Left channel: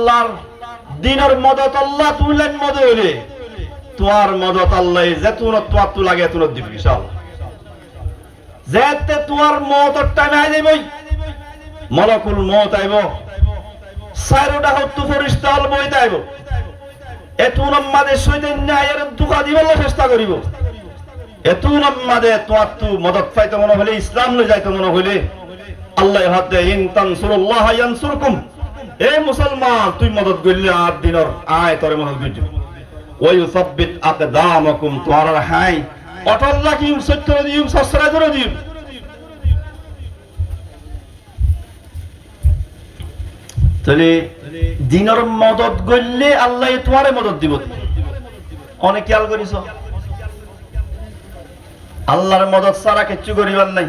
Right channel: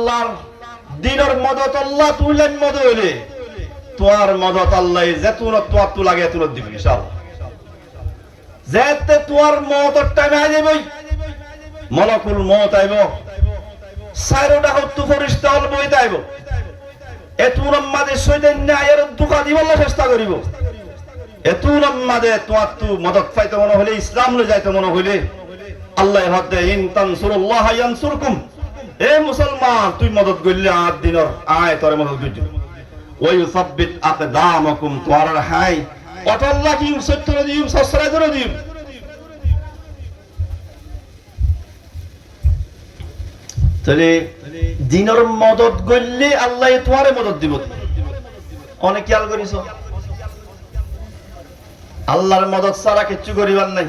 আল্লাহর দিনের মদত আল্লাহ তুইলেন মদত হইলে তোমার মদত আল্লাহ যেতুন তোমার তু লাগে এতুন দিবি ইনশাআল্লাহ যেতে তোমার মদত টাইম আই যাবই মলকুল মউত আইব সাইরোটা হত্যু ফেরেশতা হল বইতে আইব এতুন আমাদের সইতে ন্যায়ের দুকা দিবলে চেষ্টা করিব এতুন আমাদের তোমার তু মদত পাইতে মনে হইলে ইসলাম লই যাইতে মনে হইলে আল্লাহ হাতে ইন তানসুরুল্লাহ ইয়ানসুরকুম এ মুসলমান তুই মদত গইলে আর দিনের আয় তোরে মদত গইজ ওই সাব্বিত আকদামাকুম তোয়ার হাই অটল রাখিম সত্য দিম সসরা ধরে দিম তাহলে দিনের মদত গইলে আল্লাহ তোমারে মদত দিব অনেক খেয়াল করিস আল্লাহর মদত ছাড়া কিচ্ছু করিবার নাই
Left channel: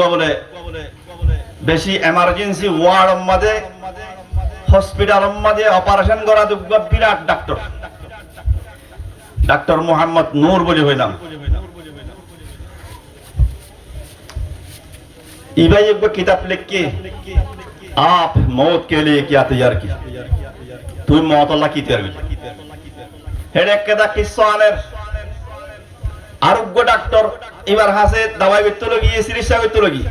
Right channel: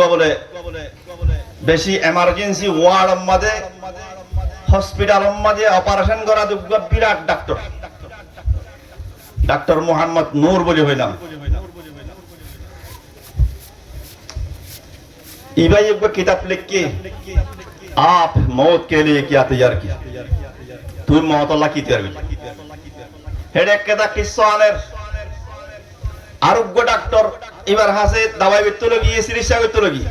বলে বেশি এমার্জেন্সি ওয়ার্ড মধ্যে হসপিটাল মধ্যে অপারেশন করা দুগ্গ বিরাট ডাক্তার মোহাম্মদ নূর বলে হইলাম इबाई एक किताब लिख के आप मौत के लिए क्या तैयार किया तू मौत अल्लाह की तैयार हेडे केदा किस्सानेर आरोग्य डॉक्टर इबार हासे दवाई बित्तो लगी चिकित्सा करते लगी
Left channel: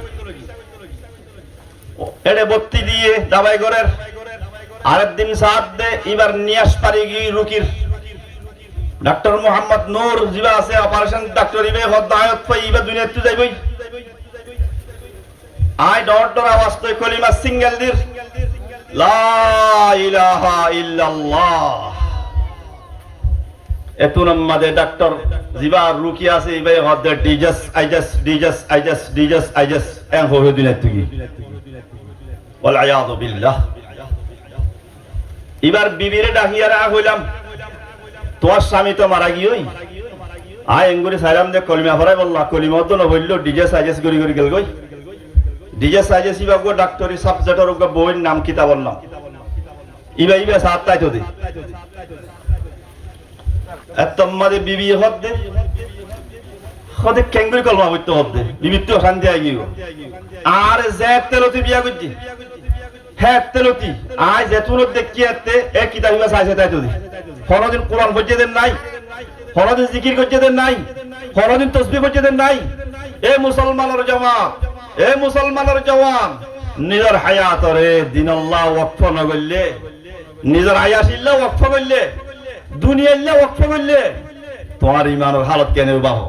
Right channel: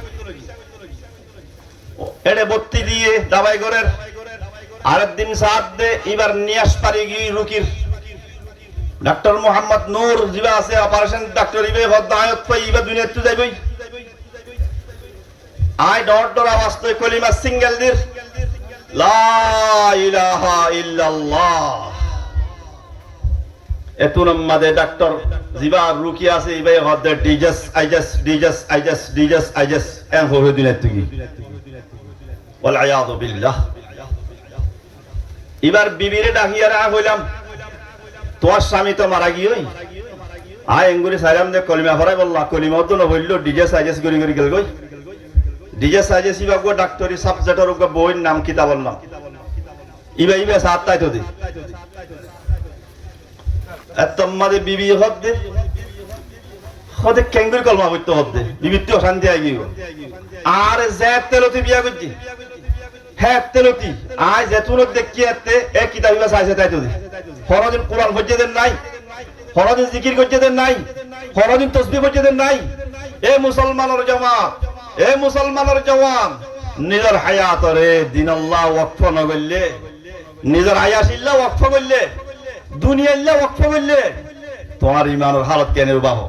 हेडे बत्ती दिए दवाई करेर आरेक दिन साथ दे इबार नियास पारी गई रुकिर डॉक्टर मोहम्मद नूर जिबा আছে অপারেশন ডাক্তার ইবে হদায়ত পাই ইবে দুনিয়াতে যাইবই আই ডর আওয়াজ তো কলিমা সিঙ্গেল দির লা ইলাহা ইল্লাল্লাহ এতুন আমাদের ডাক্তার জিবা রুকি আছে ইবে হদে ডিজাস এন হয়ে দুনিয়াতে গই ওয়াল আয়াযু বিল্লাহ এবার বিবিরে ডাকিয়ারা হইলাম তোর স্বামী তো মারা গিয়েই আয় এঙ্গুরি সাইলাম দে কলিমা ফরাই বললা কলিমা তো ন হইল ডিজে সাজেস করি গেল গই ডিজে সাজেস ইবাগো ডাক্তারি সাবজেক্টর গো বইর নাম কিতা বললাম ইবে সাত তাই তো দে এতম্মাদে বিবি হদ্দে হদে কেঙ্গুরি কলমা বইতো হদ্দে বিবি তো শান্তি আই গিও আর জাত তেলতি বিয়া করজি হ্যাঁ তেলতি আয় যেতুন দেখিয়াতে এক কিতাব ইবা সাইছে তাই তো দে ফরদিন কোরআন পড়তে নাই ফরদিন জিকির করতে নাই ফরদিন তাসবিহ করতে নাই এ মুসলমানের জওয়ান নিজের হায়াতরে দিন আল্লাহ ওয়াকফ না করলে নিজের আয়াসিল্লাহ ওয়াকফ করলে দুনিয়াল্লাহ ওয়াকফ করলে তোমার ঈমানের হালত কেন বাহ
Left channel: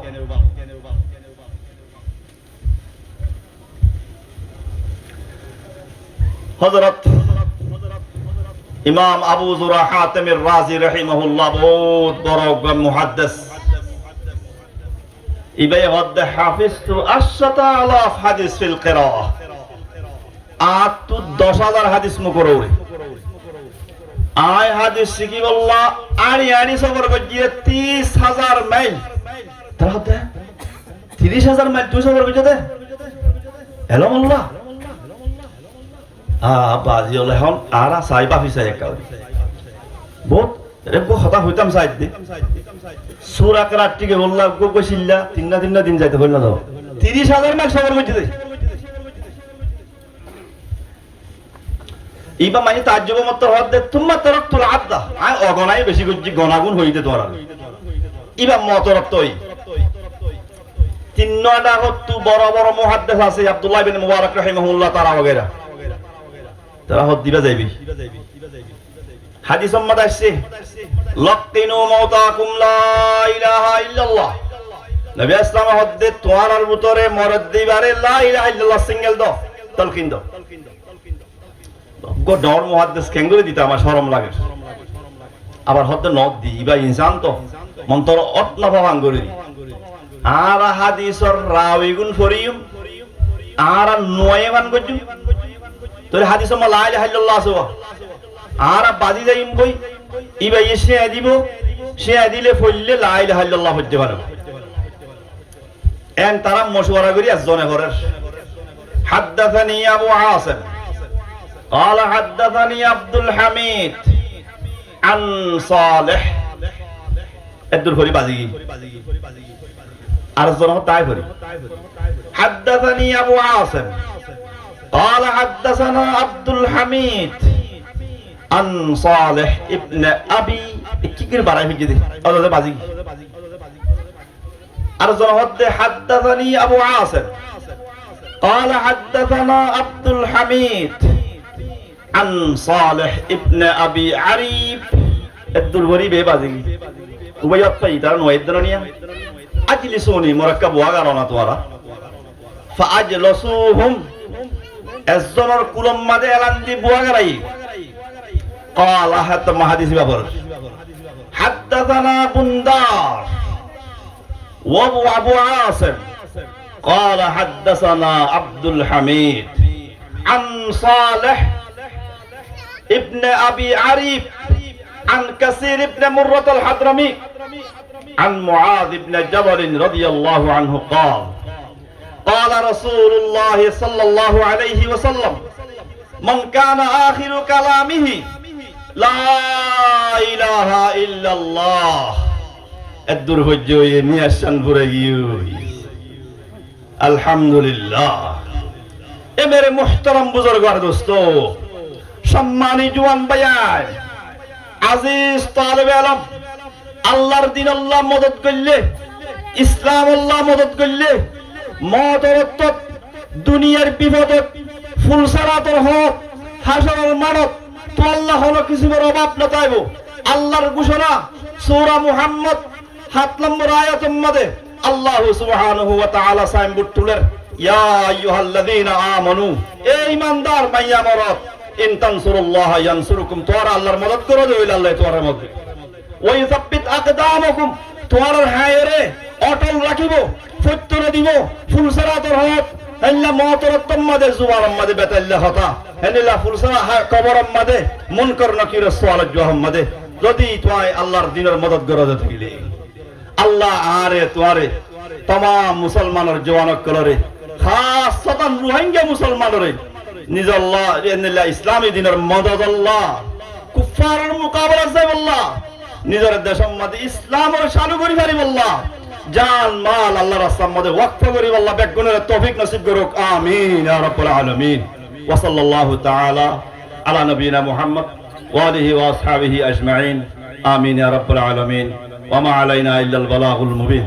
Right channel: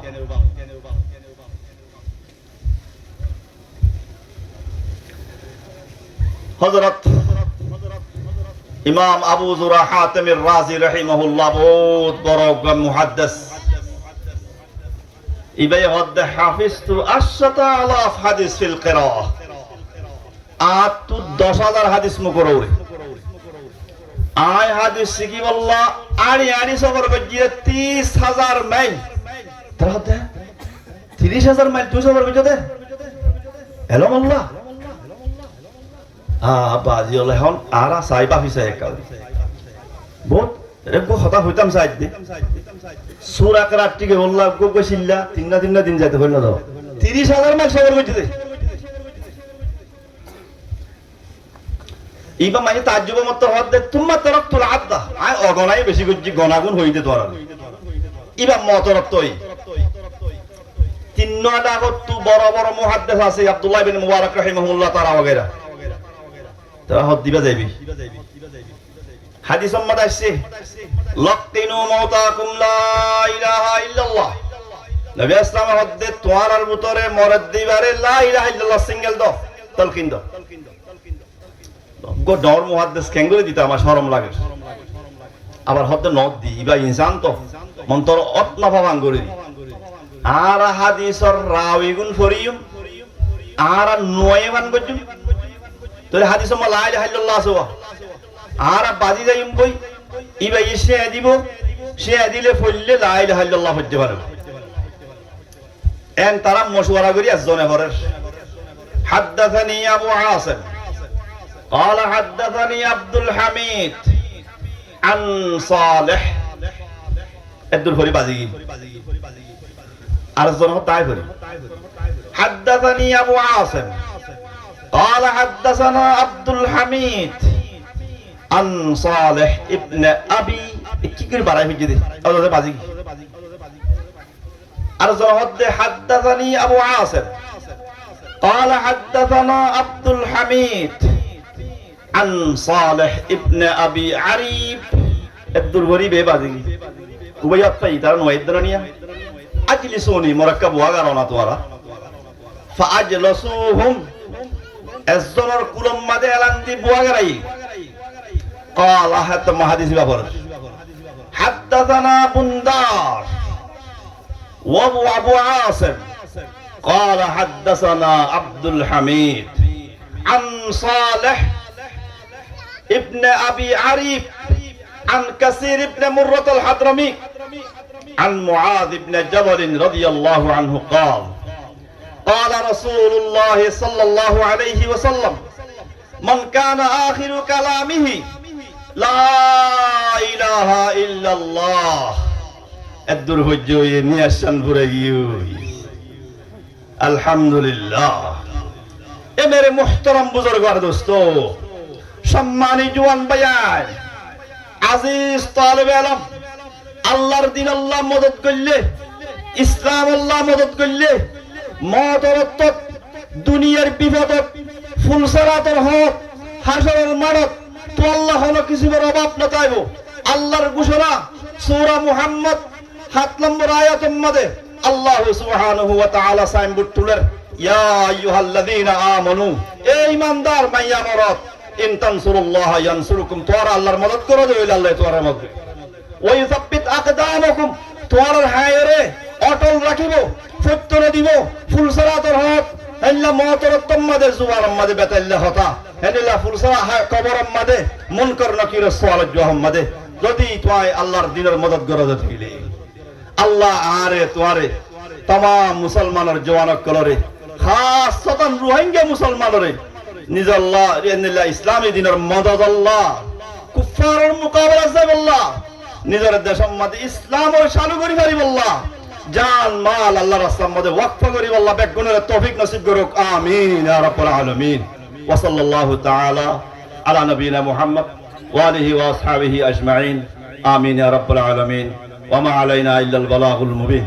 হযরত ইমাম আবু যুরা হাতিমির রাজি রাহিমাহুল্লাহ বহুত বড় মুহাদ্দিস ইবাই হদ হাফিজতু আশতা আলাফ হাদিস ফিল কিরাআহ আত 10000 হাদিস মুকররে আয় হাদিস শিখি বল্লা আনি সফর গজিয়ে 30000 মাইল তাহলে 30000 মাইল তুই সফর গজে দে হেলো মোল্লা বাজি হলে হন আর সাইবা ফিসা একাল বহুত রেগো হতা হইতাম সাইদ দি সূরা করাটিকে বললা গো কইছিলা তিননা দিন যাইতে হইল না 30000 মাইল সফর করতে দে ইবা মানে তাজ্জুব মত হদ তুম্মা তারাকতুল আদা আই অগনাই বেশি গজি গনাগুন হইতে তোরা ইবা মতরতই তিনটা হতু বড় বড় মুহাদ্দিস আছে আব্দুল্লাহ ইবনে মুবারক রাহিমাহুল্লাহ তাআলা वगैरह তারা হদ দিবা যাইবি হাদিস সম্মত আছে লাকিনু মাউতাকুম লা ইলাহা ইল্লাল্লাহ নবী ইসলাম হদ্দে তোয়ার ভিতরে মরদ দিবারে লা ইলাহা ইল্লাল্লাহ সিঙ্গেল দাও তালকিন দাও গো ডর মুহাদ্দিস কেঙ্গুরি দিতে আমার শরম লাগে আবার হদ্দে নদ দিবা ইনসান তো মন্তর অতনা ভাবাং করি আর হাদিসর রাউইগুন ফরিয়ুম আর নয়মান গজু তোর হাদিস মা লা ইলাহা ইল্লাল্লাহ সুবা আর বাজি যাইম কই ইবা এসে দিব সে দিলে ফললে লা ইলাহা ইল্লাল্লাহ হইতে পারে এন তারা মশওয়ারা করি আজনে করে হাদাথানি আবু হাসিম قال حدثني عبد الحميد عن صالح الدور ফরি বাজি আর জন তাই ফরি حدثني ابو عاصم قال حدثنا عبد الحميد عن صالح ابن ابي كيكر باراي في جدي اولاد بازي ارجو حدثني ابو عاصم قال حدثنا عبد الحميد عن صالح ابن ابي عريب عبد الغريب بازي وبيات فايدار نويدرانيا اجلسوني مركب واغارونا توارا فاجلسوهم الزمر كلهم ماذا اعلان دي بواغراي قال حتى ما حديث بابر حدثنا بندار وابو عاصم قال حدثنا عبد الحميد عن صالح ابن ابي عريب عن كثير ابن مرة الحضرمي عن معاذ بن جبل رضي الله عنه قال قال رسول الله صلى الله عليه وسلم من كان آخر كلامه لا إله إلا الله الدرهجوي نيشان بريوي الحمد لله এ মেরে মুহতারাম বুজুর্গার দোস্ত সম্মানী জওয়ান ভাইয়াই আজিজ তালেবে ইলম আল্লাহর দ্বীন আল্লাহ মদদ করলে ইসলাম আল্লাহ মদদ করলে মদরত দুনিয়ার বিপদত ফুলসারাতর হক হাসরের মানত তো আল্লাহ হলো কিছুর অভাব না তাইবো আল্লাহর ঘোষণা সূরা মুহাম্মদ 7 নম্বর আয়াতের মধ্যে আল্লাহ সুবহানাহু ওয়া তাআলা সাইনবোর্ড তুলেন ইয়া আইয়ুহাল্লাযীনা আমানু এ ঈমানদার মাইয়া মরদ ইন তানসুরুল্লাহ ইয়ানসুরুকুম তোরা আল্লাহর মদদ করো হইলে আল্লাহ তোরা মদদ ওয়া ইউসাব্বিত আকদামাকুম তোরার হায়রে অটল রাখিব সত্যরে দিব ফুলসারাতর হক হেল্লা মতরত্তম মাদে জুবারম মাদে বেতাল্লা হতা হেনিলা ফুলসারা কবরম মাদে মুনকার নাকির সুয়াল জহম মাদে যদি তোয় আল্লাহর দ্বীনের মদদ করো থাকিলে আল্লাহ আরে তোরে तमाम মুসলমানের জওয়ানক কলরে খাসতান রোহিঙ্গা মুসলমানরে নিজ আল্লাহ ইন্নাল্লাহ ইসলামী দ্বীনের মদদ আল্লাহ কুফারের মুকাবিলা যায় আল্লাহ নিজের দেশের মধ্যে ইসলামের চালু করি পারিব আল্লাহ জান মাল আল্লাহর রাস্তার মধ্যে ওয়াকফ করিব আল্লাহ বেগুনের তৌফিক নসিব করুক আমিন ইয়া রাব্বুল আলামিন ওয়া সাল্লাল্লাহু তাআলা আলা নবিনা মুহাম্মদ ওয়া আলিহি ওয়া আসহাবিহি আজমাইন আমিন ইয়া রাব্বুল আলামিন ওয়া মা আলাইনা ইল্লাল বালাগুল মুবিন